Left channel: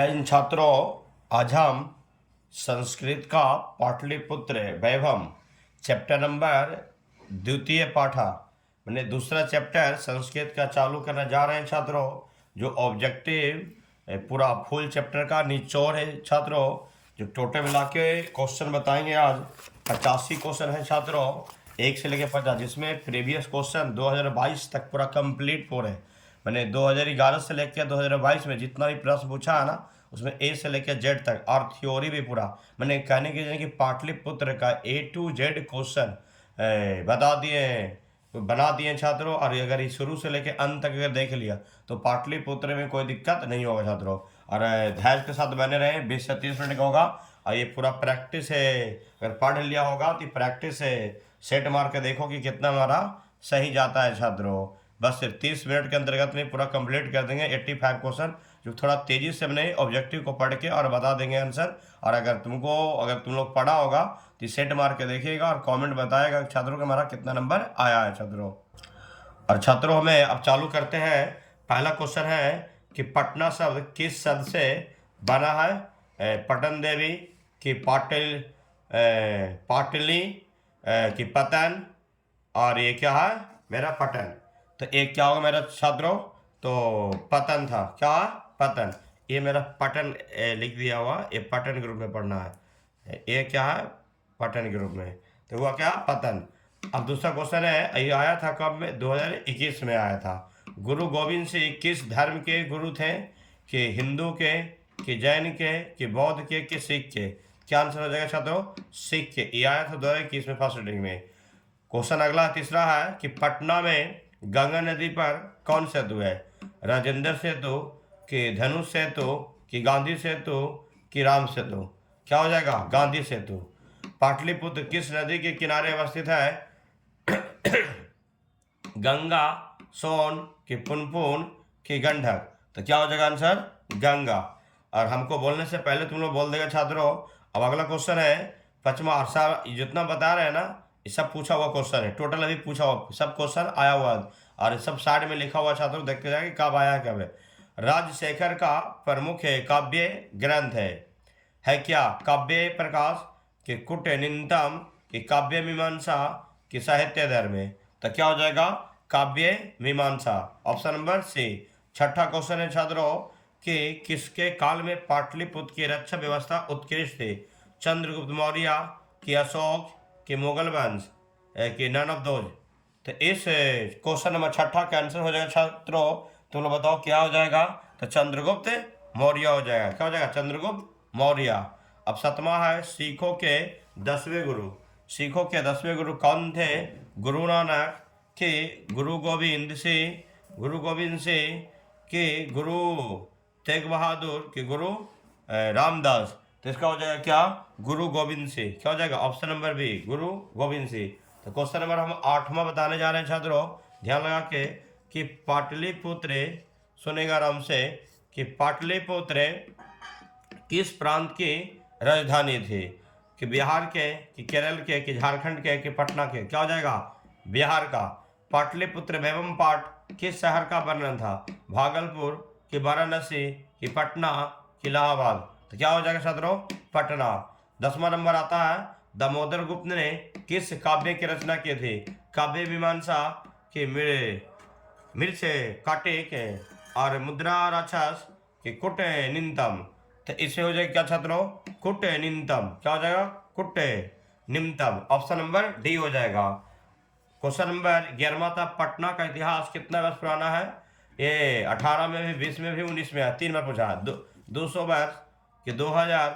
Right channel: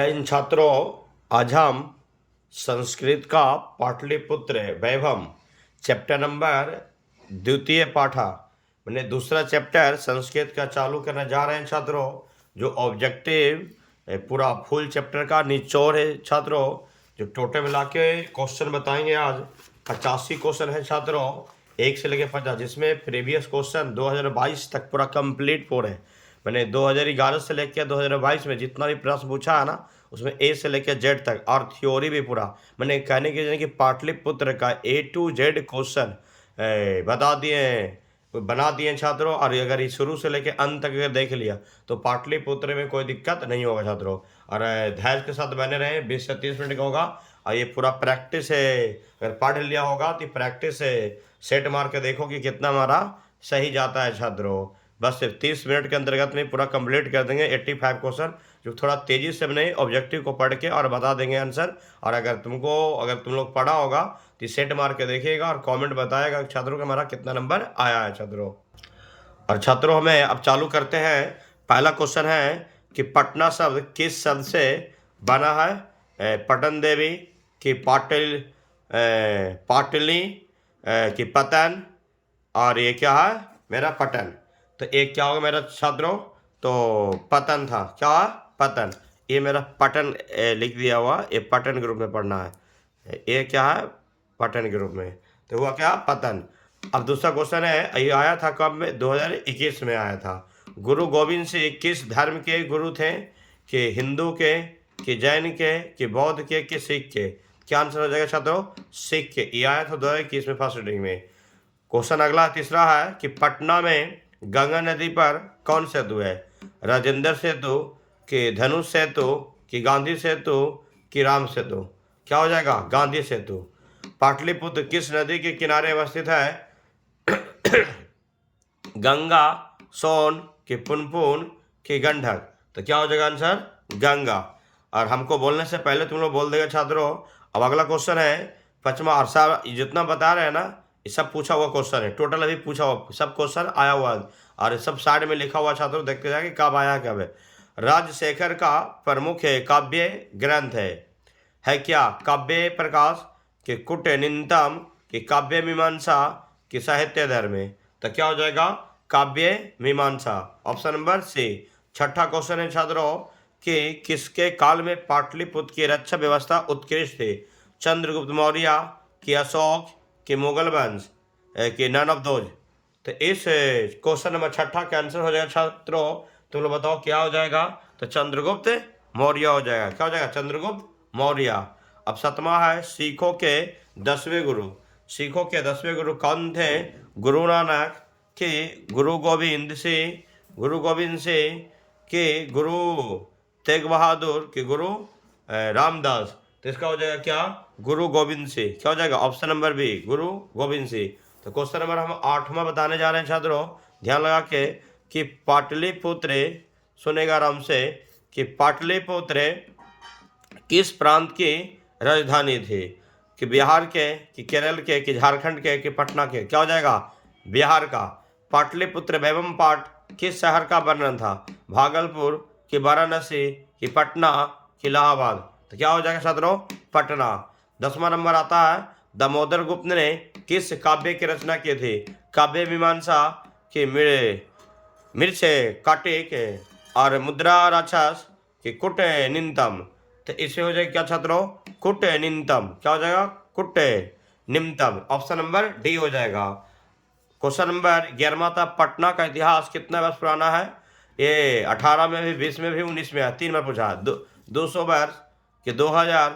इन छात्रों, आज हम संस्कृत का पाटलिपुत्र वैभव चैप्टर नंबर द्वितीय पाठा मैंने दूसरा चैप्टर संस्कृत का चालू करने जा रहे हैं छात्रों। जो ऑब्जेक्टिव पूरा फुल चैप्टर का निचोड़ है छात्रों। जो टोटल मिला के क्वेश्चन बताएंगे आज 85 क्वेश्चन है छात्रों, 1 से लेकर 50, जिसमें प्रीवियस क्वेश्चन 2022 तक पूरा कंप्लीट हो रहे हैं। मैंने 2011 से लेकर 2022 में जितना भी प्रश्न पूछा है ना, उसमें ए से लेकर जेड तक और थ्योरी भी पूरा मैंने कहने की कि पाटलिपुत्र का A to Z क्वेश्चन बना दिए छात्रों। और अगर ये शुरू से लेकर अंत तक अगर देख लिया तो पाटलिपुत्र में कोई दिक्कत नहीं होगा छात्रों। और धैर्य के साथ बने रहे, 20 से 30 मिनट का होगा और ये पूरा प्रैक्टिस है। अगर पढ़ लिया होगा तो प्रैक्टिस है, सेट मार के देखो कि कितना हमारा सही जाता है छात्रों। बस सिर्फ 30 मिनट के अंतर्गत में पूरा कंप्लीट कर देंगे 85 क्वेश्चन, जो थोड़ा तेज़ी से अपने ऑब्जेक्टिव को पढ़ के और बता देंगे आंसर। और अगर तुम लोग पढ़ा होगा तो सेट मार के देखिएगा और कमेंट बताएगा छात्रों का हमारा कितना नंबर आया है छात्रों। और छात्रों, हमें अब चालू करते हैं। पहला क्वेश्चन है कि पटना शब्द किस शब्द से बना है? पटन देवी की पाटली की पतन, और ये क्या है मेरा पटन। तो एक क्या होगा मेरा छात्रों? तो पतन था। क्या पतन? ये मेरा पटन लिख दिया हुआ, ये पटन ग्रुप में पढ़ना है। ये क्या है? पटन ग्रुप में। तो हुआ क्या? पतन। अब दूसरा क्वेश्चन है, ये आया था कब में? 2021 में आया था। गुरु गोविंद सिंह किस धर्म के गुरु थे? कि हिंदू के, कि जैन के, कि बौद्ध के, कि सिख के? क्या आंसर हो जाएगा छात्रों? सिख के। ये आया था 2021 में फर्स्ट रीडिंग में। क्वेश्चन अगला तीसरा है कि पटना में गंगा नदी पर कौन सेतु है? राजेंद्र सेतु, कि धनुष सेतु, कि गांधी सेतु, कि राम सेतु? क्या हो जाएगा? गांधी सेतु। पाटलिपुत्र किस नदी के किनारे अवस्थित है? गंगा, सोन, कि पुनपुन, कि गंडक? तो क्या हो जाएगा आंसर? गंगा। और हमको बोलने से पहले तुम लोग बोल देगा छात्रों। अब अगला क्वेश्चन है पचमा, और सब जितना बता रहे हैं ना, ये सब पूछा हुआ क्वेश्चन है। टोटल अभी पूछा हुआ सब क्वेश्चन आया हुआ है और सब साइड में लिखा हुआ छात्रों, देखते जाएंगे कब आया कब है। राजशेखर का प्रमुख काव्य ग्रंथ है क्या? काव्य प्रकाश, कि कुटनीतम, कि काव्य मीमांसा, कि साहित्य धर्म? तो क्या हो जाएगा? काव्य मीमांसा, ऑप्शन नंबर सी। छठा क्वेश्चन है छात्रों कि किसके काल में पाटलिपुत्र की रक्षा व्यवस्था उत्कृष्ट थी? चंद्रगुप्त मौर्य, कि अशोक, कि मुगल वंश, कि नन ऑफ दोज? तो इस क्वेश्चन नंबर छठा का आंसर हो जाएगा छात्रों, तुम लोग बताओ क्या हो जाएगा? तो चंद्रगुप्त मौर्य हो जाएगा। क्या हो जाएगा? चंद्रगुप्त मौर्य। अब सतमा है सिखों के 10वें गुरु। सिखों के 10वें गुरु कौन थे? गुरु नानक, कि गुरु गोविंद सिंह, कि गुरु तेग बहादुर, कि गुरु रामदास? तो इसका हो जाएगा क्या? गुरु गोविंद सिंह। क्या हो जाएगा? ऑप्शन नंबर बी, गुरु गोविंद सिंह। तो क्वेश्चन नंबर हम 8वां बताने जा रहे हैं छात्रों, ध्यान लगा के कि पाटलिपुत्र, सुनेगा आराम से, कि पाटलिपुत्र किस प्रांत की राजधानी थी? कि बिहार के, कि केरल के, कि झारखंड के, कि पटना के? क्या हो जाएगा? बिहार का। पाटलिपुत्र एवं पाट किस शहर का वर्णन था? भागलपुर, कि वाराणसी, कि पटना, कि इलाहाबाद? तो क्या हो जाएगा छात्रों? पटना। 10वां नंबर आता है, दामोदर गुप्त ने किस काव्य की रचना की थी? काव्य मीमांसा, कि मिर्चे काटिक, और मुद्रा राक्षस, कि कुट निंतम? तो इससे हो जाएगा क्या छात्रों? कुट निंतम। क्या हो जाएगा? कुट निम्तम। ऑप्शन नंबर डी हो जाएगा। क्वेश्चन नंबर 11वां था, पटना का इतिहास कितना वर्ष पुराना है? ये 18 में भी, 20 में भी, 19 में है, 3 बार पूछा। 200 वर्ष, कि 2000,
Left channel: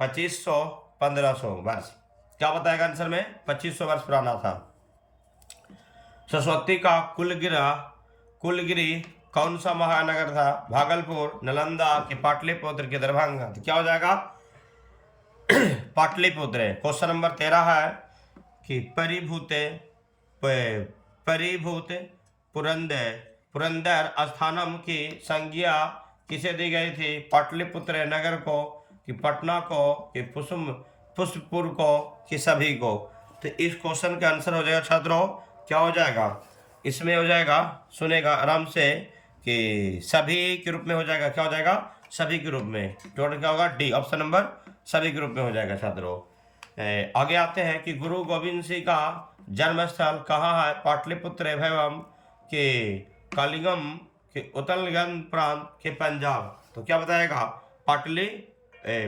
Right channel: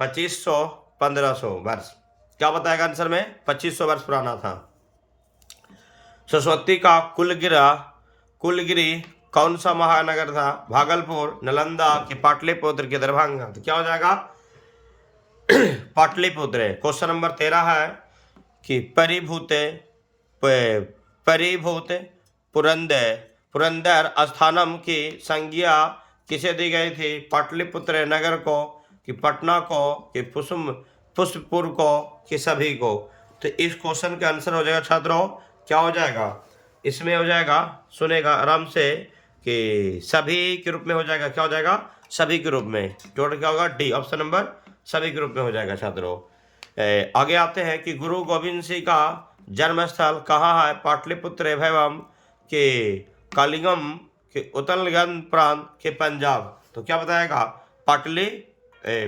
2500, 1500 वर्ष? क्या बताएगा आंसर में? 2500 वर्ष पुराना था। सरस्वती का कुलगिरी कौन सा महानगर था? भागलपुर, नालंदा, कि पाटलिपुत्र, कि दरभंगा? तो क्या हो जाएगा? पाटलिपुत्र। क्वेश्चन नंबर 13 है कि परिभूत पुरंदर स्थानम की संज्ञा किसे दी गई थी? पाटलिपुत्र नगर को, कि पटना को, कि पुष्पपुर को, कि सभी को? तो इस क्वेश्चन का आंसर हो जाएगा छात्रों, क्या हो जाएगा? इसमें हो जाएगा, सुनेगा आराम से, कि सभी के रूप में हो जाएगा। क्या हो जाएगा? सभी के रूप में। टोटल क्या होगा? डी, ऑप्शन नंबर सभी के रूप में हो जाएगा छात्रों। आगे आते हैं कि गुरु गोविंद सिंह का जन्म स्थल कहाँ है? पाटलिपुत्र एवं के कलिंगम के उत्तरगंज प्रांत के पंजाब। तो क्या बताएगा? पाटली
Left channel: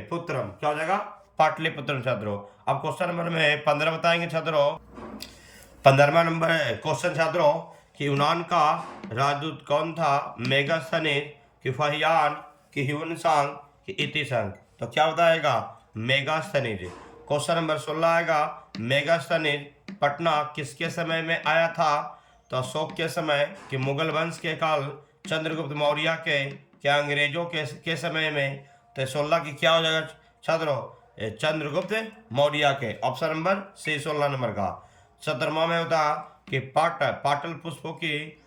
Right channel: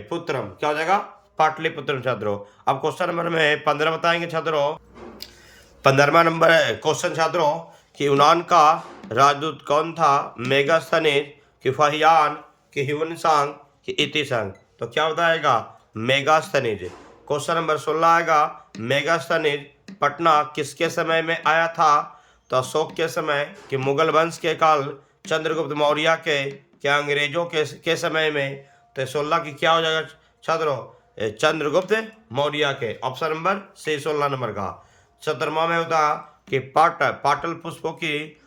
पुत्रम। क्या हो जाएगा? पाटलिपुत्रम छात्रों। अब क्वेश्चन नंबर में 15 बताएंगे छात्रों। 15वां नंबर क्वेश्चन छात्रों कि यूनान का राजदूत कौन था? मेगास्थनीज कि फाहियान कि ह्यूनसांग कि इतिसंग। तो क्या बताएगा? मेगास्थनीज। क्वेश्चन नंबर 16 आएगा मेगास्थनीज पटना किसके समय में आया था? तो अशोक के समय कि मुगल वंश के काल, चंद्रगुप्त मौर्य के, क्या अंग्रेजों के समय में? तो 16 की क्या हो जाएगा छात्रों? चंद्रगुप्त मौर्य के, ऑप्शन नंबर सी 16 नंबर का। 17वां में होता कि पाटल पुष्पों की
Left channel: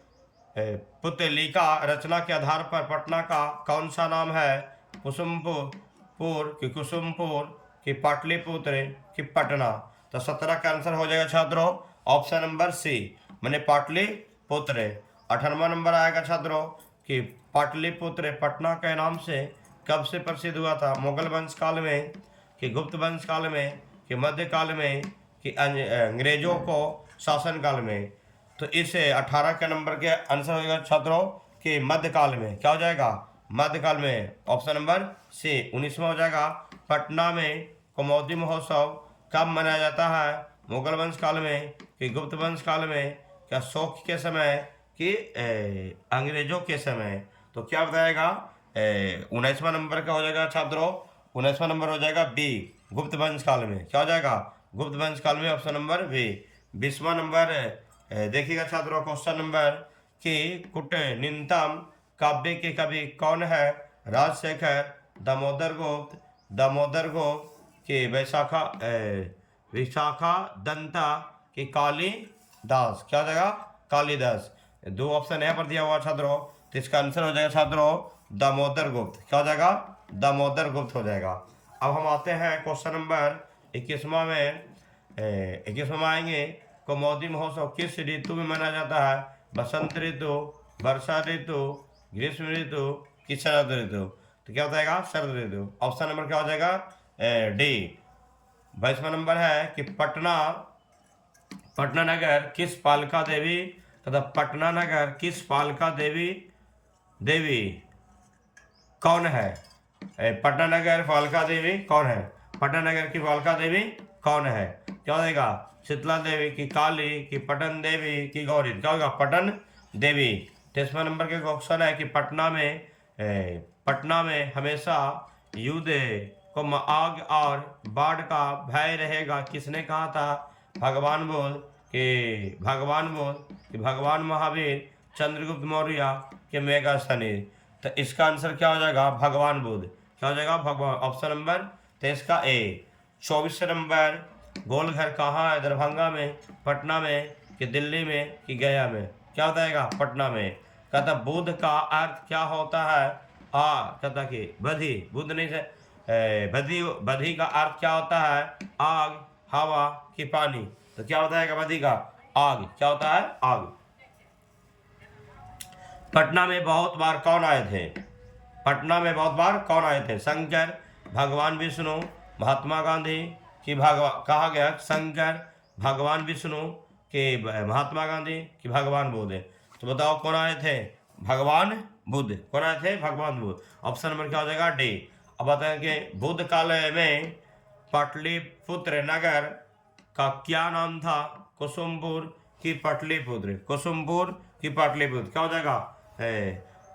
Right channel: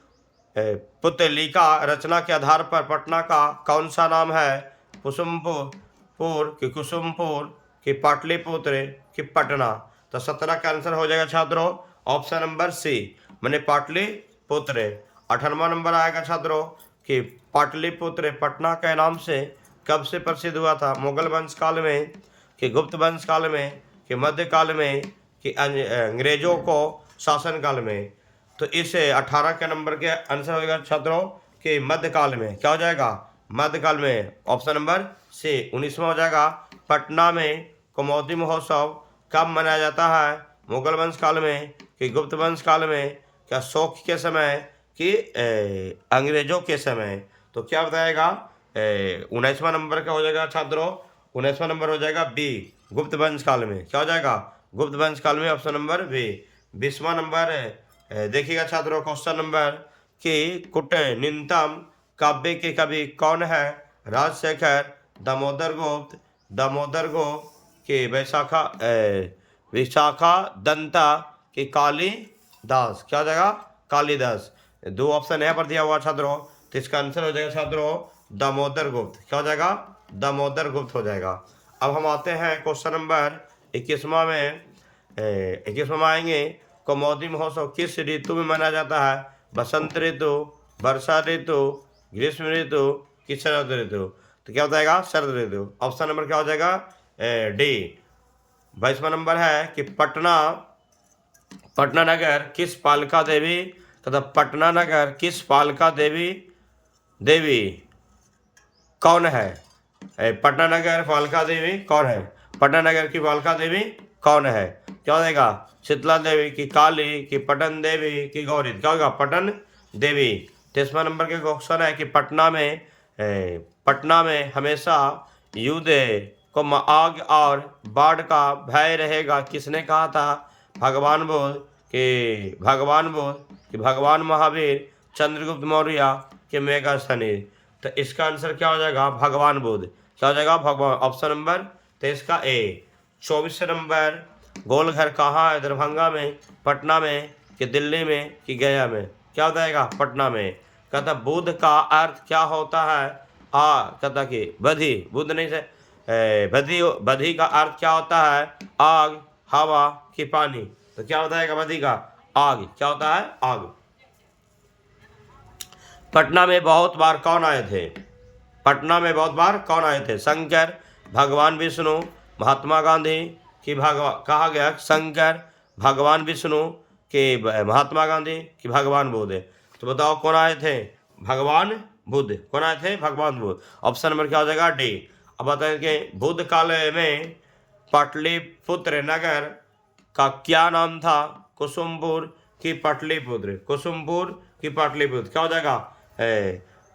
पुतलिका रचना के आधार पर पटना का कौन सा नाम है? कुसुमपुर कि कुसुमपुर कि पाटलिपुत्र कि पटना। तो 17 का आंसर हो जाएगा छात्रों ऑप्शन नंबर सी, मैंने पाटलिपुत्र। 18वां नंबर आएगा छात्रों कि पाटलिपुत्र पटना के नाम से कब से प्रसिद्ध हुआ था? मुगल वंश काल में कि गुप्त वंश काल में कि मध्य काल में कि अंग्रेजों को शासन काल में? तो इस 18 के नंबर के आंसर हो जाएगा छात्रों कि मध्यकाल में। क्या हो जाएगा? मध्यकाल में, ऑप्शन नंबर सी। 19वां हो जाएगा पटना में कुमोदी महोत्सव कब मनाया जाता है? मुगल वंश काल में कि गुप्त वंश काल में, क्या अशोक के समय कि अंग्रेजों के समय? तो क्या बताएगा? 19वां नंबर का हो जाएगा छात्रों, 19वां नंबर हो जाएगा बी, गुप्त वंश काल में। क्या हो जाएगा? गुप्त वंश काल में, ऑप्शन नंबर बी। 20वां नंबर देखिएगा छात्रों क्वेश्चन नंबर कि कुटनिंतम काव्य के कवि कौन है? राजशेखर, दामोदर गुप्त कि विशाखा दंता कि कालिदास। क्या हो जाएगा? कालिदास। 2 ऑप्शन यहाँ पर दिया हुआ छात्रों, तो इसका आंसर हो जाएगा छात्रों दामोदर गुप्त। क्या हो जाएगा? दामोदर गुप्त हो जाएगा। अब हम आते हैं क्वेश्चन नंबर 21वां में। 21वां में आएंगे कुमोदी महोत्सव किस ऋतु में मनाया जाता है? बसंत ऋतु, वर्षा ऋतु, ग्रीष्म ऋतु कि शरद ऋतु। तो क्या बताएगा? शरद ऋतु। ऑप्शन नंबर क्या हो जाएगा? डी। 22वां नंबर है कि पटना नगर किस पालिका देवी, तथा पटना नगर किस पालिका देवी कौन है? पटना नगर पालिका देवी कौन है? पटना नगर की पालिका देवी कौन है? क्या हो जाएगा? शीतला देवी की काली की पटन देवी की गौरी। क्या होगा? पटन देवी। 23वां नंबर के क्वेश्चन है कि पटना में हमेशा युद्ध को आग और बाढ़ का भय रहेगा किसने कहा था? भगवान बुद्ध कि भगवान महावीर, चंद्रगुप्त मौर्य के मेगास्थनी। तो इसका आंसर क्या हो जाएगा? भगवान बुद्ध। क्या हो जाएगा? भगवान, ऑप्शन नंबर 23 का ए। 24 नंबर गोलघर कहाँ है? दरभंगा में, पटना में कि दिल्ली में कि गया में? क्या बताएगा? पटना में। कहता बुद्ध का अर्थ क्या होता है? कहता कि बधी, बुद्ध नहीं से बधी का अर्थ क्या होता है? आग, हवा कि पानी। तो क्या बताएगा बधी का? आग। क्या होता है? आग। पटना में बहुत बार कौन आए थे? पटना में बहुत बार कौन आए थे? शंकर, भगवान विष्णु, महात्मा गांधी कि कहा गया शंकर, भगवान विष्णु कि महात्मा गांधी कि भगवान बुद्ध। तो बताओ कौन आए थे? भगवान बुद्ध। कौन आए थे? भगवान बुद्ध। ऑप्शन नंबर क्या हो जाएगा? डी। अब बताएं कि बुद्ध काल में पाटलिपुत्र नगर का क्या नाम था? कुसुमपुर कि पाटलिपुत्र? कुसुमपुर कि पाटलिपुत्र। क्या हो जाएगा?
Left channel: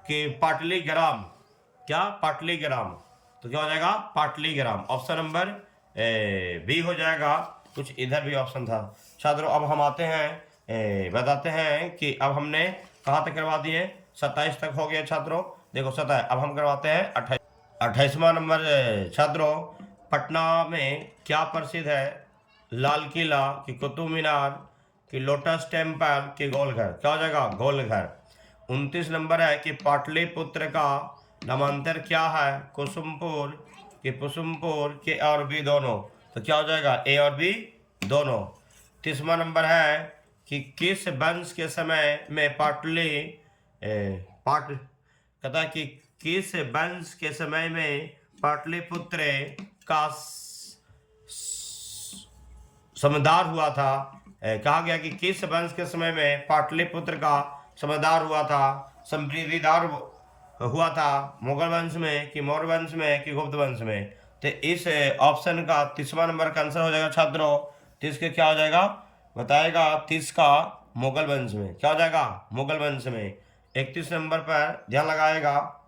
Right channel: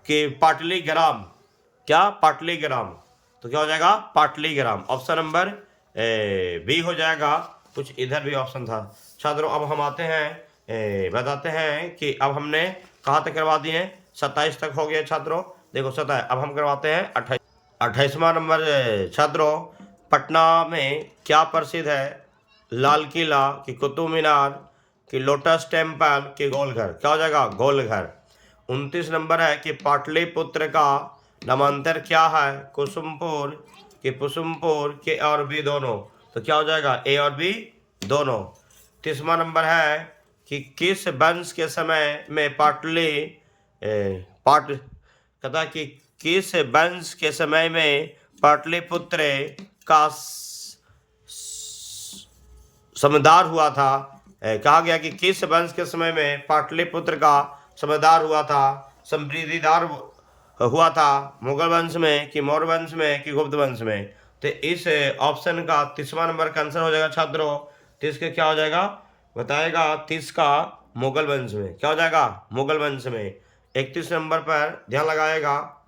कि पाटलीग्राम। क्या? पाटलीग्राम। तो क्या हो जाएगा? पाटलीग्राम। ऑप्शन नंबर बी हो जाएगा। कुछ इधर भी ऑप्शन था छात्रों। अब हम आते हैं बताते हैं कि अब हमने कहाँ तक करवा दिए? 27 तक हो गया छात्रों। देखो 27। अब हम करवाते हैं 28वां नंबर छात्रों। पटना में क्या प्रसिद्ध है? लाल किला कि कुतुब मीनार कि लोटस टेम्पल कि गोलघर। क्या हो जाएगा? गोलघर। 29 नंबर है कि पाटलिपुत्र का नामांतर क्या है? कुसुमपुर कि पुसुमपुर के और बी दोनों। तो क्या हो जाएगा? ए और बी दोनों। 30वां नंबर है कि किस वंश के समय में कहता कि किस वंश के समय में पाटलिपुत्र का समदार हुआ था। कहा गया कि किस वंश के समय में पाटलिपुत्र का समदार हुआ था, समृद्धिदार हुआ था, मुगल वंश में कि मौर्य वंश में कि गुप्त वंश में। तो इस ऑप्शन का 30वां नंबर का आंसर हो जाएगा छात्रों। 30 के क्या हो जाएगा बताएगा, 30 का मुगल वंश में। क्या हो जाएगा मुगल वंश में। 31 नंबर पर ध्यान लगाएगा,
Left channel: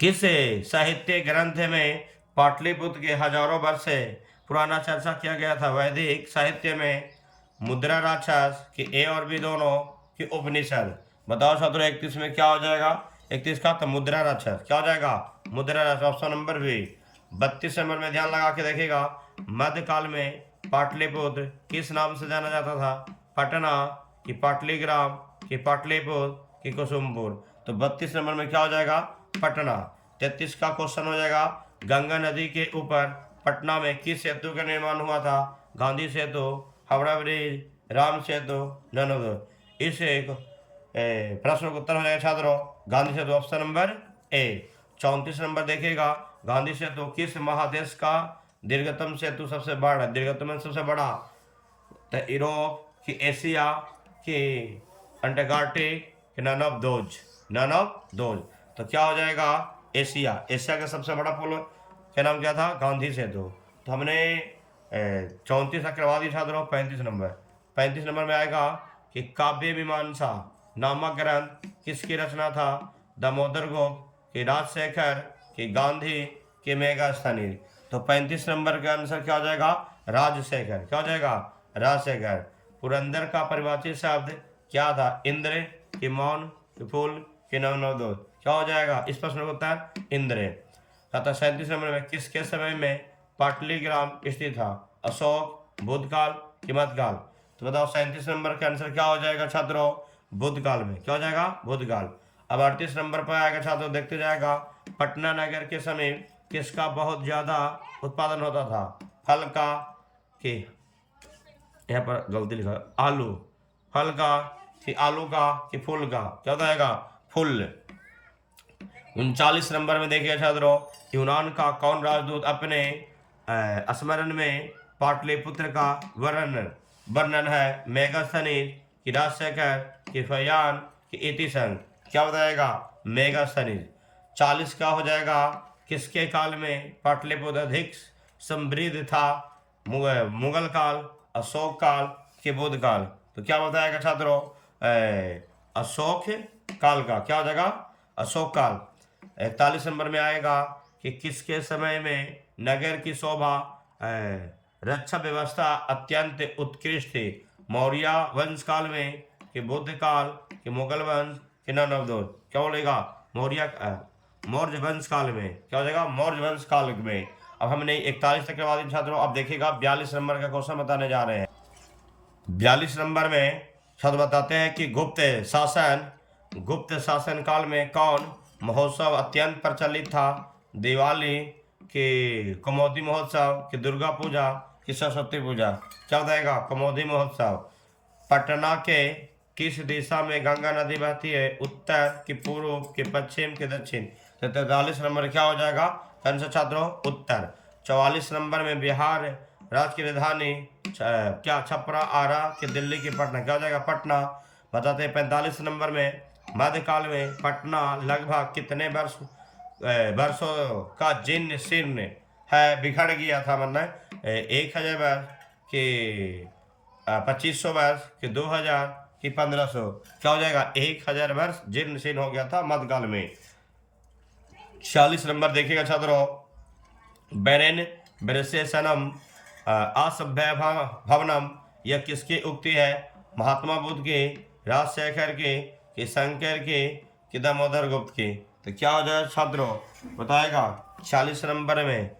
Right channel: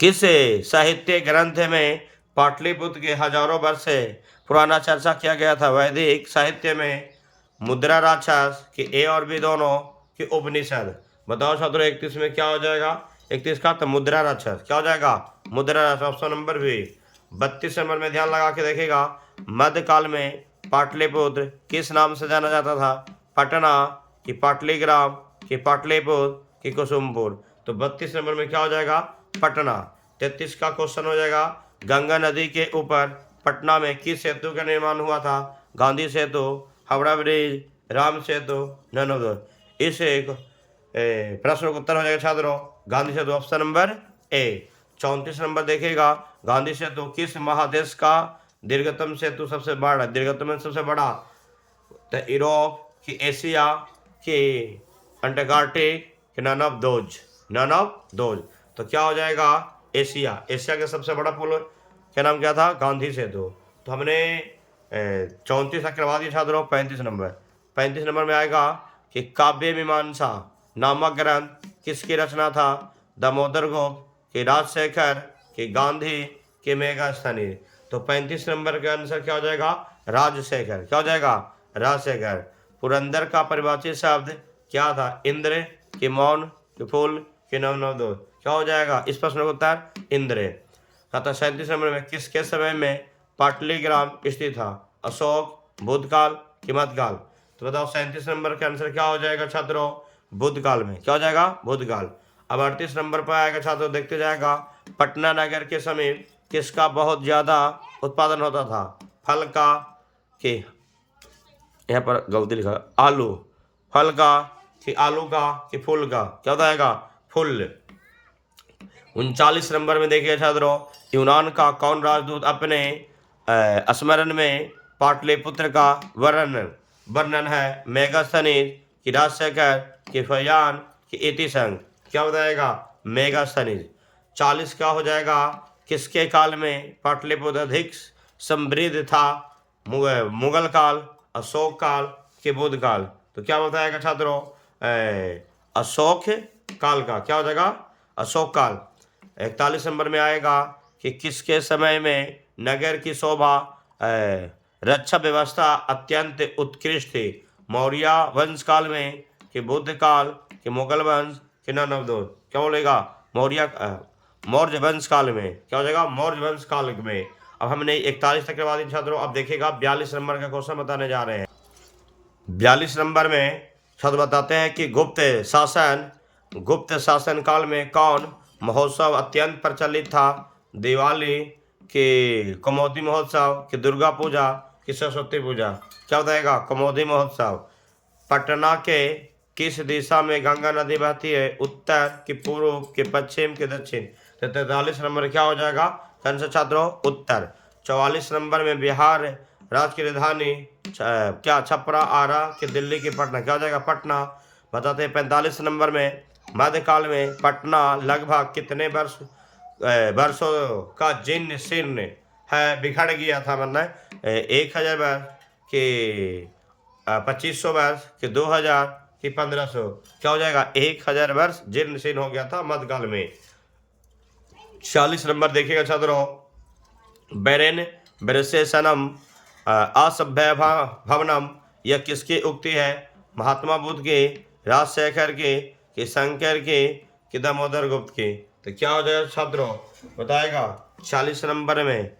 किस साहित्य ग्रंथ में पाटलिपुत्र के हजारों वर्ष से पुराना चर्चा किया गया था। वैदिक साहित्य में, मुद्रा राक्षस कि ए और बी दोनों कि उपनिषद। बताओ छात्रों 31 में क्या हो जाएगा। 31 का तो मुद्रा राक्षस। क्या हो जाएगा मुद्रा राक्षस, ऑप्शन नंबर बी। 32 नंबर में ध्यान लगा के देखेगा, मध्यकाल में पाटलिपुत्र किस नाम से जाना जाता था। पटना कि पाटलिग्राम कि पाटलिपुत्र कि कुसुमपुर। तो 32 नंबर में क्या हो जाएगा पटना। 33 का क्वेश्चन हो जाएगा, गंगा नदी के ऊपर पटना में किस सेतु का निर्माण हुआ था। Gandhi Setu, Howrah bridge, Ram Setu, none of the. इस प्रश्न का उत्तर हो जाएगा छात्रों Gandhi Setu, option number A. 34 नंबर देखिएगा, गांधी सेतु किस महादेश का दीर्घतम सेतु सबसे बड़ा, दीर्घतम सबसे बड़ा। तो यूरोप कि एशिया कि अंटार्कटिक कि none of those, none of those. तो क्या हो जाएगा एशिया। एशिया का सबसे बड़ा पुल क्या नाम क्या था, गांधी सेतु। तो हमने 34 तक करवा दी छात्रों। 35 नंबर, 35 नंबर में आएगा कि काव्य मीमांसा नामक ग्रंथ किसकी रचना था। दामोदर गुप्त कि राजशेखर कि गांधी कि मेघास्थनी। तो 35 नंबर का आंसर क्या हो जाएगा राजशेखर। क्या हो जाएगा राजशेखर। पुरंदर का परिभाषित शब्द क्या था, इंद्र कि मौन कि फूल कि नवनवोद। क्या हो जाएगा इस प्रश्न का उत्तर इंद्र। तथा 37 नंबर में किसके समय में पाटलिग्राम स्थित था, अशोक, बुद्धकाल कि मध्यकाल। तो बताओ 37 नंबर का आंसर क्या हो जाएगा छात्रों बुद्धकाल में। क्या हो जाएगा बुद्धकाल। अब 38 नंबर पर आएगा छात्रों, देखते जाएगा, पटना नगर के समीप किसका बहुत ज्यादा उत्पादन होता था। फल का कि, यहाँ पर गलती लिखा आलू, फल का कि आलू का कि फूल का। क्या हो जाएगा फूल। 39 नंबर में देखिए छात्रों, यूनान का कौन राजदूत अपने स्मरण में पाटलिपुत्र का वर्णन है। मेगास्थनीज कि राजशेखर कि फयान कि इतिसंग। क्या बताएगा मेगास्थनीज। 40 का हो जाएगा, किसके काल में पाटलिपुत्र अधिक समृद्ध था। मुगल काल, अशोक काल कि बुद्ध काल। तो क्या बताएगा छात्रों अशोक काल का। क्या हो जाएगा अशोक काल। 41 नंबर में आएगा कि किसके समय में नगर की शोभा रक्षा व्यवस्था अत्यंत उत्कृष्ट थी। मौर्य वंश काल में कि बुद्ध काल कि मुगल वंश कि नन ऑफ दोज। क्या बोलेगा मौर्य वंश काल में। क्या हो जाएगा मौर्य वंश काल में। अब हमने 41 तक करवा दी छात्रों। अब देखिएगा 42 नंबर का क्वेश्चन बताने जा रहे हैं। 42 नंबर में छात्र बताते हैं कि गुप्त शासन काल में कौन महोत्सव अत्यंत प्रचलित था। दिवाली कि कमोदी महोत्सव कि दुर्गा पूजा कि सरस्वती पूजा। क्या बताएगा कमोदी महोत्सव। पटना के किस दिशा में गंगा नदी बहती है, उत्तर कि पूर्व कि पश्चिम कि दक्षिण। तो 43 नंबर क्या हो जाएगा आंसर छात्रों उत्तर। 44 नंबर में बिहार राज्य की राजधानी क्या छपरा, आरा कि दिल्ली की पटना। क्या हो जाएगा पटना। बताते हैं 45 नंबर में, मध्यकाल में पटना लगभग कितने वर्षों का जीर्ण शीर्ण है बिखर गया था। मतलब 1000 वर्ष कि 2500 वर्ष कि 2000 कि 1500। क्या हो जाएगा 1000 वर्ष जीर्ण शीर्ण हो गया था मध्यकाल में। 46 नंबर देखिएगा छात्रों, बेरेन ब्रेसेसनम असभ्य भवनम, यह किसकी उक्ति है। महात्मा बुद्ध की, राजशेखर की कि शंकर की कि दामोदर गुप्त की। तो क्या हो जाएगा छात्रों बताएगा 40 नंबर में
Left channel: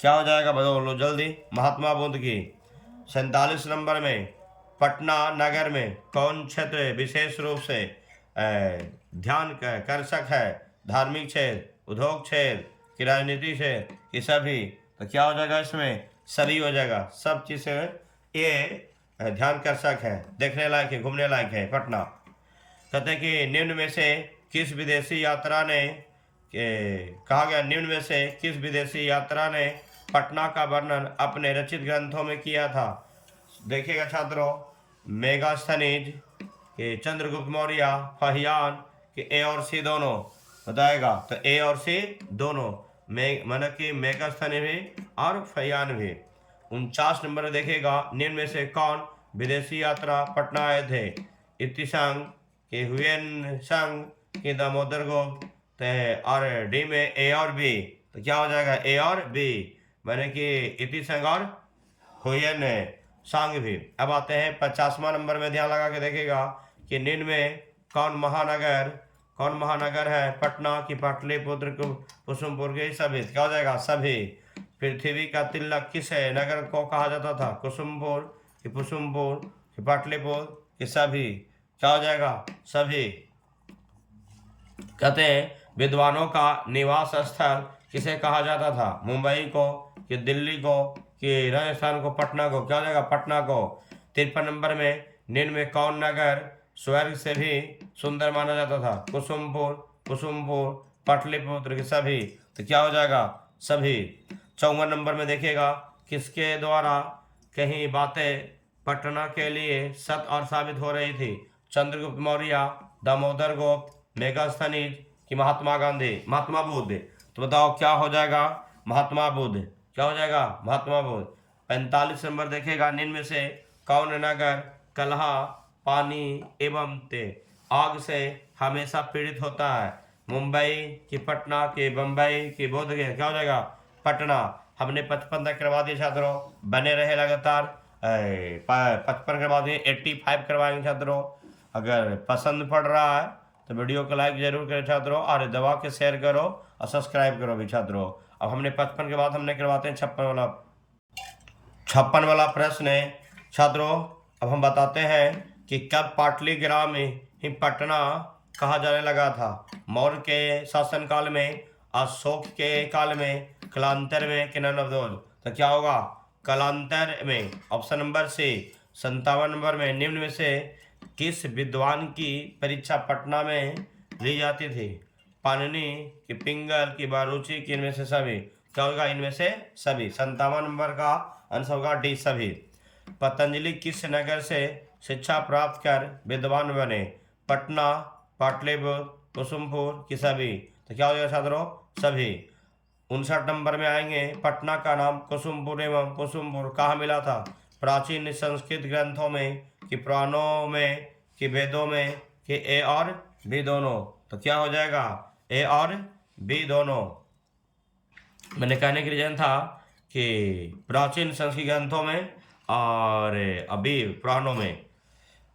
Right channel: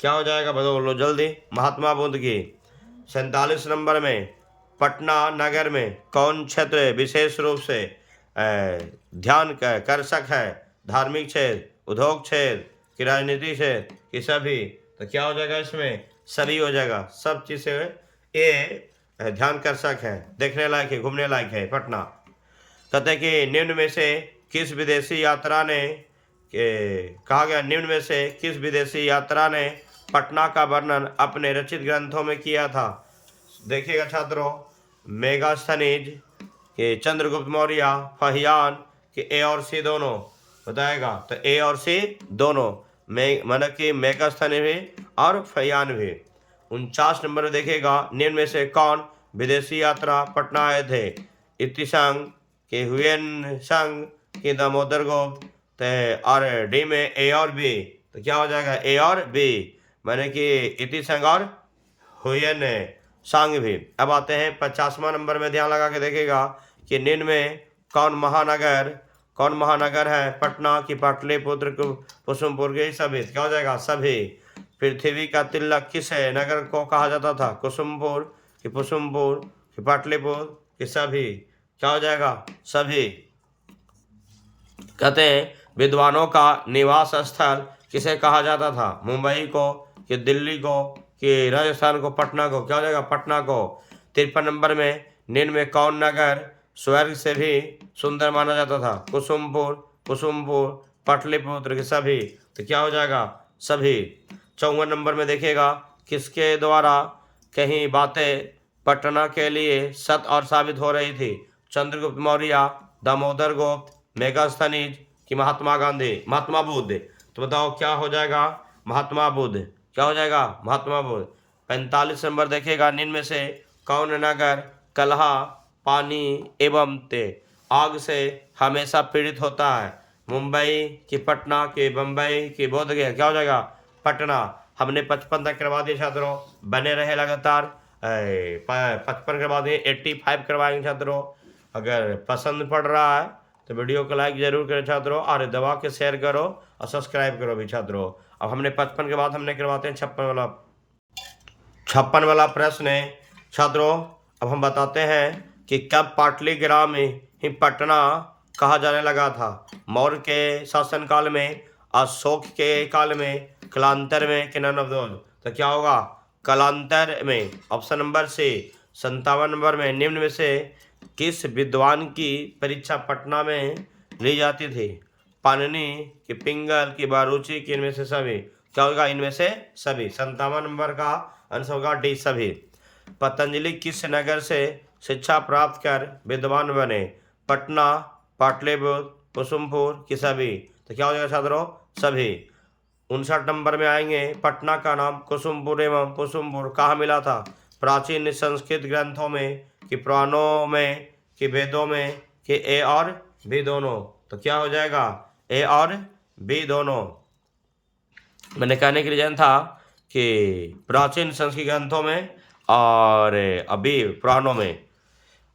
क्या हो जाएगा बोलो जल्दी महात्मा बुद्ध की। 47 नंबर में पटना नगर में कौन क्षेत्र विशेष रूप से ध्यान कर्षक है। धार्मिक क्षेत्र, उद्योग क्षेत्र कि राजनीति क्षेत्र कि सभी। तो क्या हो जाएगा इसमें सभी हो जाएगा। सब चीज़ें ये ध्यान कर्षक है, देखने लायक है, घूमने लायक है पटना। कहते कि निम्न में से किस विदेशी यात्रा ने कहा गया निम्न में से किस विदेशी यात्रा ने पटना का वर्णन अपने रचित ग्रंथों में किया था। देखिएगा छात्रों, मेगास्थनीज के चंद्रगुप्त मौर्य, फहियान के ए और सी दोनों बताएगा। तो ए और सी दोनों मतलब कि मेगास्थनीज भी और फहियान भी। 49 नंबर देखिएगा, निम्न में से कौन विदेशी यात्रा पटना आए थे। इतिसंग के हुएन संग के दामोदर गुप्त और डी में ए और बी। तो क्या हो जाएगा ए और बी, मैंने कि इतिसंग और हुएन सांग भी। अब आते हैं 50वां नंबर में, ध्यान लगा के देखेगा कि निम्न में कौन महानगर है पटना की पाटलिपुत्र कुसुमपुर के सभी। क्या हो जाएगा सभी। पृथ्वी का तिलक किस नगर को कहा जाता था, कुसुमपुर कि कुसुमपुर कि पाटलिपुत्र कि सभी। क्या हो जाएगा सभी। कहते हैं विद्वानों का निवास स्थल किसे कहा जाता था, मुंबई को कि दिल्ली को कि राजस्थान को, पटना को। क्या हो जाएगा पटना को। 53 नंबर में निम्न में कौन नगर स्वर्ग से भी सुंदर माना जाता था, कुसुमपुर पाटलिपुत्र के सभी। तो क्या हो जाएगा सभी। 54 नंबर में देखिएगा, किसके द्वारा कहीं बातें पटना के लिए सत्य और साबित हो रही थी, चंद्रगुप्त मौर्य, दामोदर गुप्त, मेगास्थनीज कि महात्मा बुद्ध। तो बताओ क्या हो जाएगा महात्मा बुद्ध। क्या हो जाएगा महात्मा बुद्ध। 45 नंबर देखिएगा, निम्न में से कौन नगर कलह, पानी एवं आग से हमेशा पीड़ित होता है, मुंबई कि पटना कि बम्बई कि बोधगया। क्या हो जाएगा पटना। हमने 55 तक करवा दिए छात्रों, बने रहे लगातार। 55 करवा दिए, 85 करवाएंगे छात्रों। अगर पसंद पड़ रहा है तो वीडियो को लाइक जरूर करें छात्रों, और दबा के शेयर करो और सब्सक्राइब करो भी छात्रों। अब हमने 55 के बाद हमने करवाते हैं 56 वाला प्रश्न है छात्रों। अब हम बताते हैं कि कब पाटलिग्राम में ही पटना कहा जाने लगा था, मौर्य के शासनकाल में, अशोक के काल में, कालांतर में कि नन ऑफ दोज। तो क्या होगा कालांतर में, ऑप्शन नंबर सी। 57 नंबर में निम्न में से किस विद्वान की परीक्षा पटना में ली जाती थी, पाणिनि कि पिंगल की बारूची की इनमें से सभी। क्या होगा इनमें से सभी। 57 नंबर का आंसर होगा डी सभी। पतंजलि किस नगर से शिक्षा प्राप्त कर विद्वान बने, पटना, पाटलिपुत्र, कुसुमपुर कि सभी। तो क्या हो जाएगा छात्रों सभी। 59 नंबर में आएंगे, पटना का नाम कुसुमपुर एवं कुसुमपुर कहाँ मिला था, प्राचीन संस्कृत ग्रंथों में कि पुराणों में कि वेदों में कि ए और बी दोनों। तो क्या हो जाएगा ए और बी दोनों। मैंने कहने की रीजन था कि प्राचीन संस्कृत ग्रंथों में और अभी पुराणों में।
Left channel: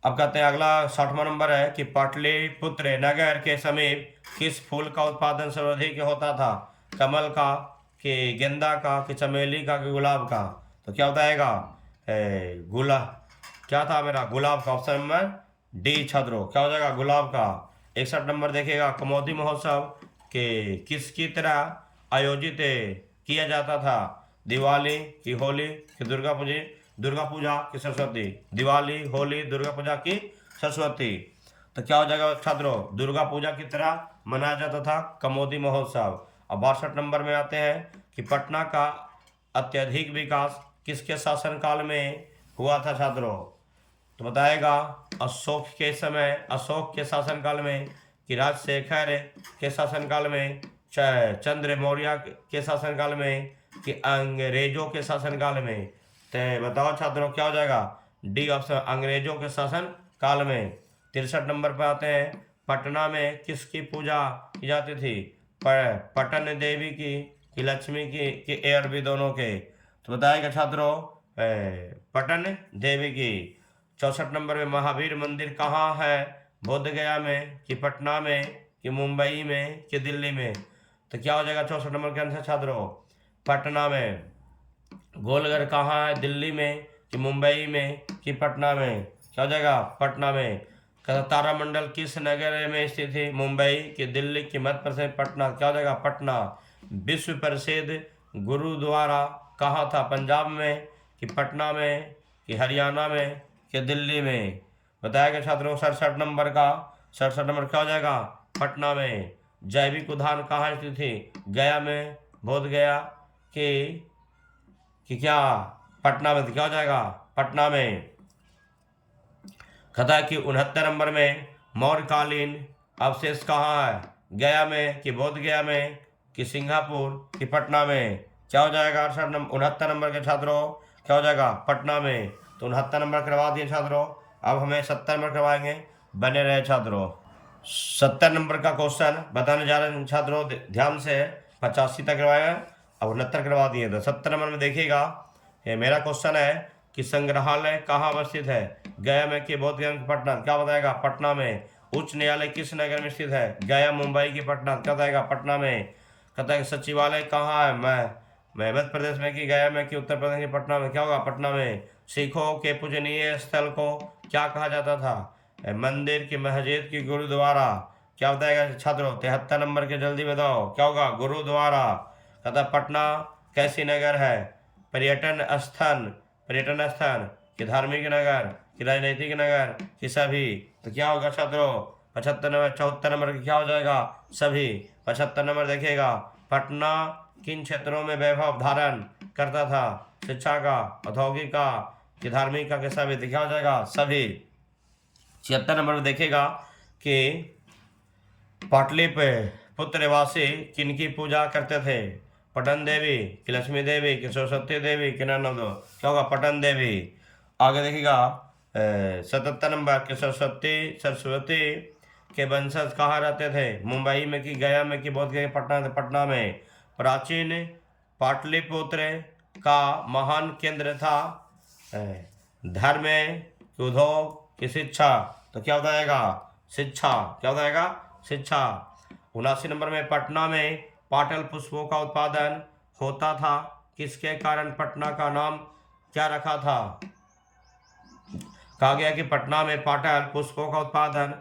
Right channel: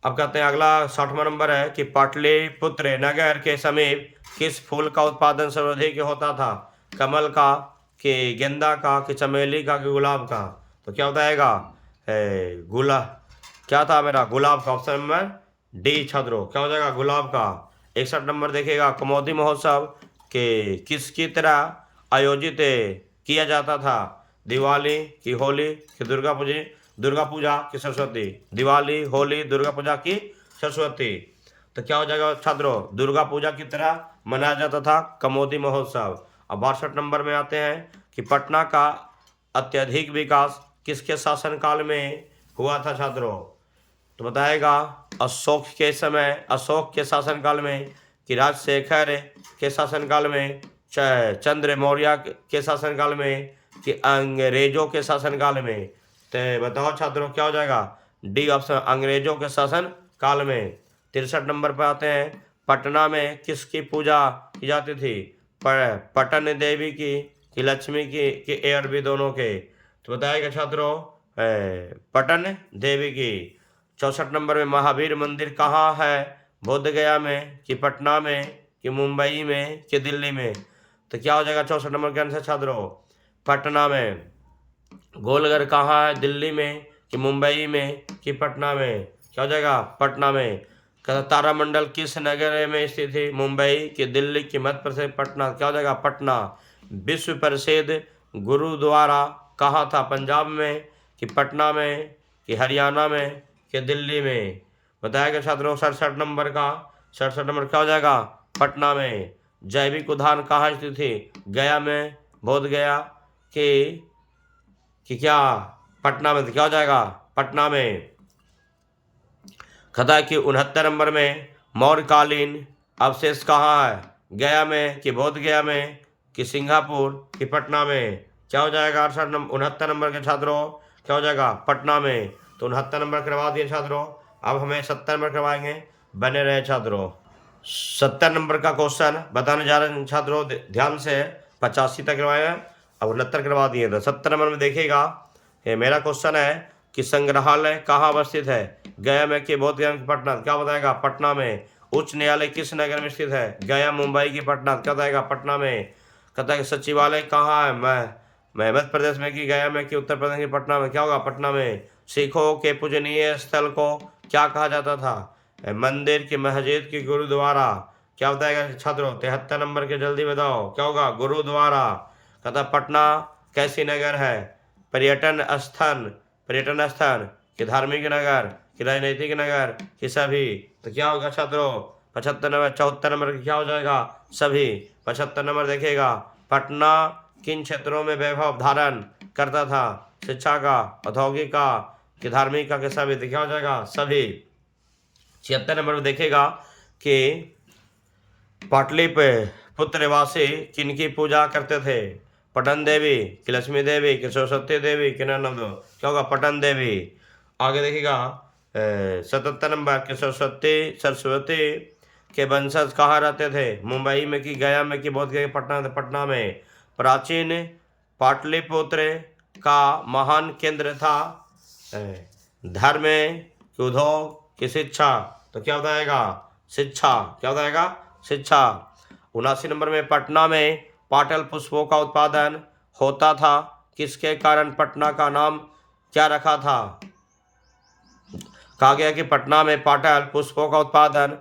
अब कहते हैं अगला 60वां नंबर है कि पाटलिपुत्र नगर के समीप किस फूल का उत्पादन सर्वाधिक होता था, कमल का कि गेंदा का कि चमेली का कि गुलाब का। तो क्या बताएगा गुलाब। क्या था मेरा गुलाब का, ऑप्शन नंबर डी छात्रों। क्या हो जाएगा गुलाब का। 61 नंबर देखिएगा, कमोदी महोत्सव के किसकी तरह आयोजित किया जाता था, दिवाली की होली की दुर्गा पूजा की सरस्वती। दिवाली, होली, दुर्गा पूजा की सरस्वती। तो क्या हो जाएगा छात्रों दुर्गा पूजा की तरह मनाया जाता था कमोदी महोत्सव। अब 62 नंबर में आते हैं कि पटना का अत्यधिक विकास किसके शासनकाल में हुआ था छात्रों। तो बताएगा अशोक के शासनकाल में कि राजशेखर के शासनकाल में, चंद्र मौर्य के शासनकाल में कि अंग्रेजों के शासनकाल में। तो बताओ छात्रों क्या हो जाएगा डी ऑप्शन, अंग्रेजों के शासन काल में। 63 नंबर पर आते हैं, पटना में किसकी पूजा की जाती थी, पटन देवी की कि लक्ष्मी की कि ए और बी दोनों के। तो बताएगा छात्रों पटन देवी की। 64 नंबर में महावीर मंदिर कहाँ है, बोधगया में कि पटना में कि मुंबई में कि दिल्ली में। तो क्या हो जाएगा 64 नंबर के आंसर छात्रों पटना में। गोलघर कहाँ है, दिल्ली में कि मुंबई में कि पटना में। क्या हो जाएगा पटना में। तारामंडल किस नगर में स्थित है, मुंबई कि दिल्ली कि मध्य प्रदेश पटना। क्या हो जाएगा पटना। विश्व प्रसिद्ध गुरुद्वारा कहाँ था, पंजाब में कि पटना में कि हरियाणा में कि दिल्ली में। बताएगा छात्रों 67 नंबर का। 67 नंबर क्या हो जाएगा पटना में। जैविक उद्यान कहाँ स्थित थी? गया में, बोध गया कि क्या पटना में? तो क्या हो जाएगा? पटना में। कथा कि 69 नंबर में मौर्यकालीन अवशेष कहाँ है? गया में कि बोध गया में कि सिंगापुर कि पटना में? क्या हो जाएगा? 69 नंबर के छात्रों क्या हो जाएगा? पटना में। तो 69 नंबर करवा दिए छात्रों। अब हमें 70 नंबर करवाएंगे, बने रहे छात्रों। 70 नंबर का क्वेश्चन बताने जा रहे हैं छात्रों, ध्यान से। 85 तक करवाया, अब 69 करवा दिए। तो 70 नंबर में देखिएगा, ये मेरा क्वेश्चन है कि संग्रहालय कहाँ अवस्थित है? गया में कि बोध गया में कि पटना? क्या बताएगा? पटना में। उच्च न्यायालय किस नगर में स्थित है? गया, मुंबई की पटना? क्या बताएगा? पटना में। कहता है सचिवालय कहाँ है? मैं मध्य प्रदेश में कि गया में कि उत्तर प्रदेश की पटना में? क्या होगा? पटना में। सिखों के पूजनीय स्थल को क्या कहा जाता था? मंदिर की, मस्जिद की, गुरुद्वारा? क्या बताएगा छात्रों? 73 नंबर के, जल्दी बताओ क्या होगा? गुरुद्वारा। कहता पटना कैसी नगर है? पर्यटन स्थान कि धार्मिक नगर कि राजनीतिक नगर कि सभी? तो क्या होगा छात्रों? 75 नंबर। 74 नंबर क्या हो जाएगा? सभी। 75 नंबर देखिएगा, पटना किन क्षेत्रों में वैभव धारण करता था? शिक्षा का, औद्योगिक का कि धार्मिक का कि सभी? तो क्या हो जाएगा? सभी। 76 नंबर में देखिएगा कि पाटलिपुत्र निवासी किनकी पूजा करते थे? पटन देवी कि लक्ष्मी देवी कि सरस्वती देवी कि नंदो? क्या होगा? पटन देवी। आगे देखिएगा 77 नंबर के सरस्वती के वंशज कहाँ रहते थे? मुंबई में कि गया में कि बोध गया पटना? पटना में। प्राचीन पाटलिपुत्र का महान केंद्र था धर्म कि उद्योग कि शिक्षा? तो क्या बताएगा? शिक्षा। क्या बताएगा? शिक्षा। 79 नंबर में पटना में पाटल पुष्पों का उत्पादन होता था, किसके कारण पटना का नाम क्या रखा था? कहा गया कि पटना में पाटल पुष्पों का उत्पादन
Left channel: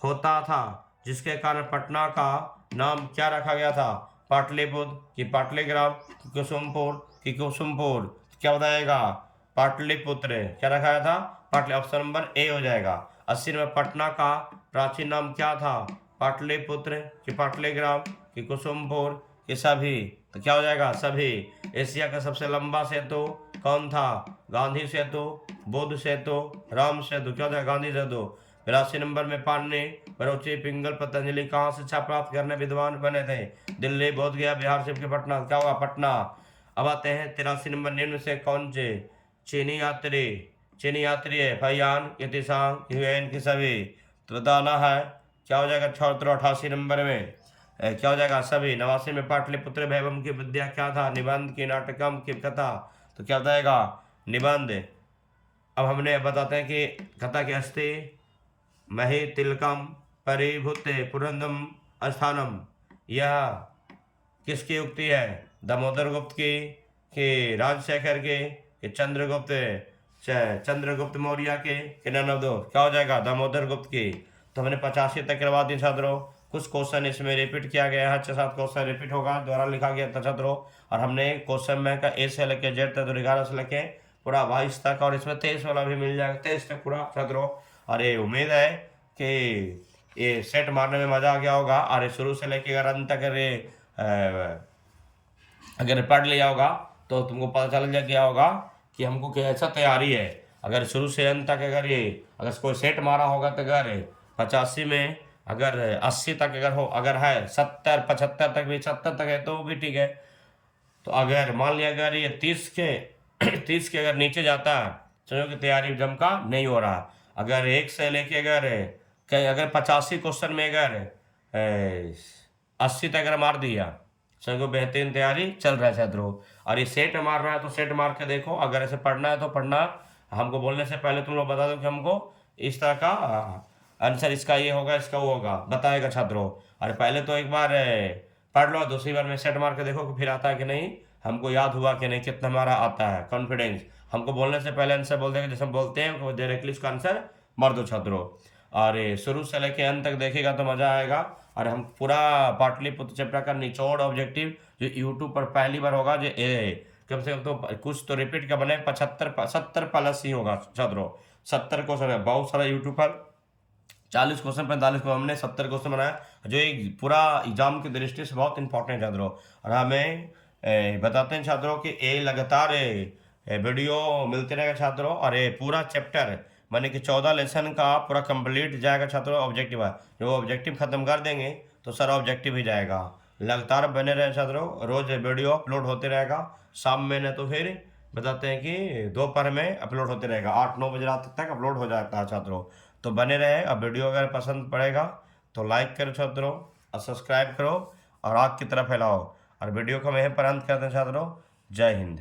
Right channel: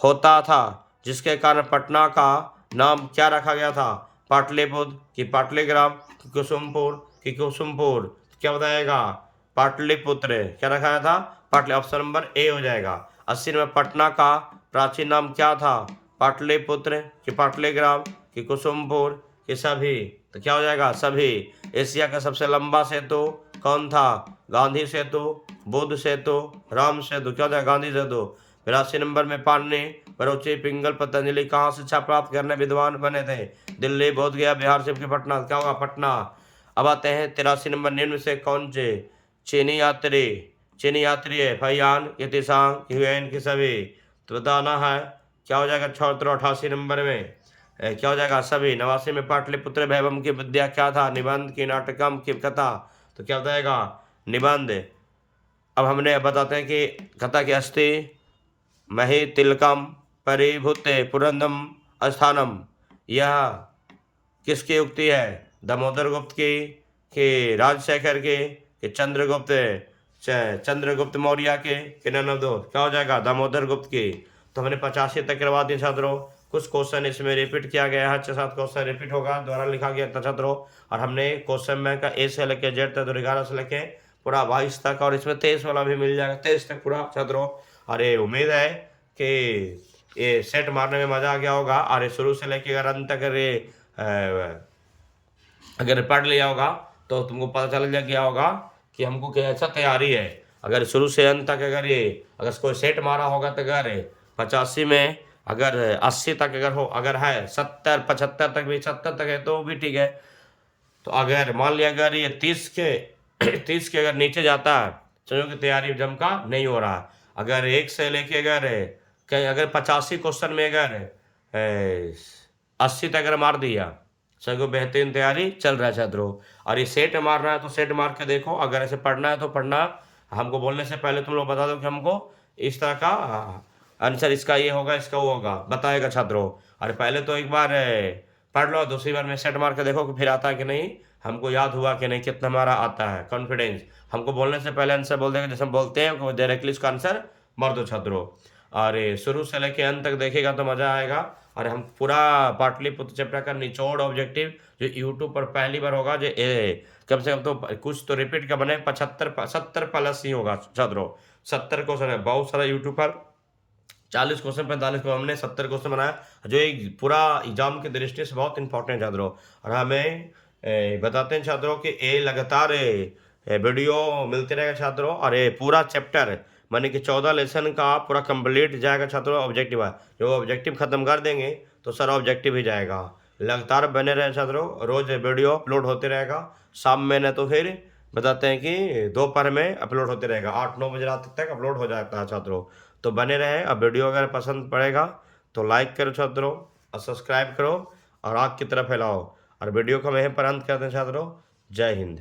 होता था, जिसके कारण पटना का नाम क्या रखा गया था? पाटलिपुत्र कि पाटलिग्राम कि कुसुमपुर कि कुसुमपुर? क्या बताएगा? पाटलिपुत्र। क्या रखा गया था? पाटली। ऑप्शन नंबर ए हो जाएगा। 80 में पटना का प्राचीन नाम क्या था? पाटलिपुत्र कि पाटलिग्राम कि कुसुमपुर कि सभी? तो क्या हो जाएगा? सभी। एशिया का सबसे लंबा सेतु कौन था? गांधी सेतु, बुद्ध सेतु, राम सेतु? क्या होता है? गांधी सेतु। 82 नंबर में पाणिनि, बरोची, पिंगल, पतंजलि कहाँ शिक्षा प्राप्त करने विद्वान बने थे? दिल्ली, बोध गया, बिहार से पटना? क्या होगा? पटना। अब आते हैं 83 नंबर, निम्न से कौन से चीनी यात्री है? फैयान, इतिसांग, ह्यूएन की सभी? तो बताना है। क्या हो जाएगा छात्र? 88 नंबर में क्या हो जाएगा? सभी। 89 में पाटलिपुत्र वैभव की विद्या क्या था? निबंध की, नाटकम की, कथा? तो क्या बताएगा? निबंध। अब हमने बताते हैं कि कथा की अस्थि मही तिलकम परिभूते पुरंदम स्थानम, यह किसकी उक्ति है? दामोदर गुप्त की कि राजशेखर की कि चंद्रगुप्त मौर्य के कि नन ऑफ दो? क्या हो जाएगा? दामोदर गुप्त की। तो हमने 85 तक करवा दी छात्रों। कुछ क्वेश्चन इसमें रिपीट किया गया है, 6-7 क्वेश्चन रिपीट होगा, द्वारा लिखा गया था छात्रों। और हमने क्वेश्चन बैंक का ए से लेके जेड तक, 11 से लेके पूरा 22 तक, और इसमें 23 वाला भी मिल जाएगा, 23 तक पूरा छात्रों। और ये उम्मीद है कि ये सेट मारने में मजा आ गया होगा। और ये शुरू से लेके अगर अंत तक अगर पढ़ लिया होगा तो तुमको पता चल गया होगा कि हमको कैसा तैयारी है। अगर शुरू से अंत तक अगर कोई सेट मारा होगा तो अगर 85 में अगर 80 तक अगर है 70 75 तक भी 70 तक है तो भी ठीक है। तो अगर मान लिया अगर ये 30 के 30 के अगर नीचे जाता है, समझो कि तैयारी जम का नहीं हो रहा है। अगर 1 से लेके अगर 85 क्वेश्चन में अगर 80 तक अगर मार दिया, समझो बेहतरीन तैयारी चल रहा है छात्रों। और ये सेट मार रहा है तो सेट मार के देखो, अगर ऐसे पढ़ना है तो पढ़ना। हमको बोलने से पहले तुम लोग बता दो कि हमको इस तरह का आंसर इसका ये होगा, इसका वो होगा, बताएगा छात्रों। और पहले तो एक बार पढ़ लो, दूसरी बार में सेट मार के देखो कि फिर आता है कि नहीं, हमको याद हुआ कि नहीं, कितना हमारा आता है कॉन्फिडेंस। हमको बोलने से पहले आंसर बोल देंगे, जैसे हम बोलते हैं डायरेक्टली इसका आंसर मार दो छात्रों। और शुरू से लेके अंत तक देखेगा तो मज़ा आएगा। और हम पूरा पाटलिपुत्र चैप्टर का निचोड़ ऑब्जेक्टिव जो यूट्यूब पर पहली बार होगा, जो कम से कम तो कुछ तो रिपीट का बने, 75 70 प्लस ही होगा छात्रों। 70 क्वेश्चन है, बहुत सारा यूट्यूब पर 40 क्वेश्चन 45 को हमने 70 क्वेश्चन बनाया, जो एक पूरा एग्जाम की दृष्टि से बहुत इंपॉर्टेंट है छात्रों। और हमें बताते हैं छात्रों कि ये लगातार वीडियो मिलते रहेगा छात्रों, और ये पूरा चैप्टर माने कि 14 लेसन का पूरा कंप्लीट जाएगा छात्रों। ऑब्जेक्टिव है, जब ऑब्जेक्टिव खत्म कर देंगे तो सारा ऑब्जेक्टिव ही जाएगा। लगातार बने रहे छात्रों, रोज वीडियो अपलोड होते रहेगा। शाम में न तो फिर बताते हैं कि दोपहर में अपलोड होते रहेगा, 8-9 बजे रात तक अपलोड हो जाता है छात्रों। तो बने रहे। अब वीडियो अगर पसंद पड़ेगा तो लाइक करो छात्रों, और सब्सक्राइब करो, और आग की तरफ फैलाओ। और वीडियो को हम यहीं पर अंत करते हैं छात्रों। जय हिंद।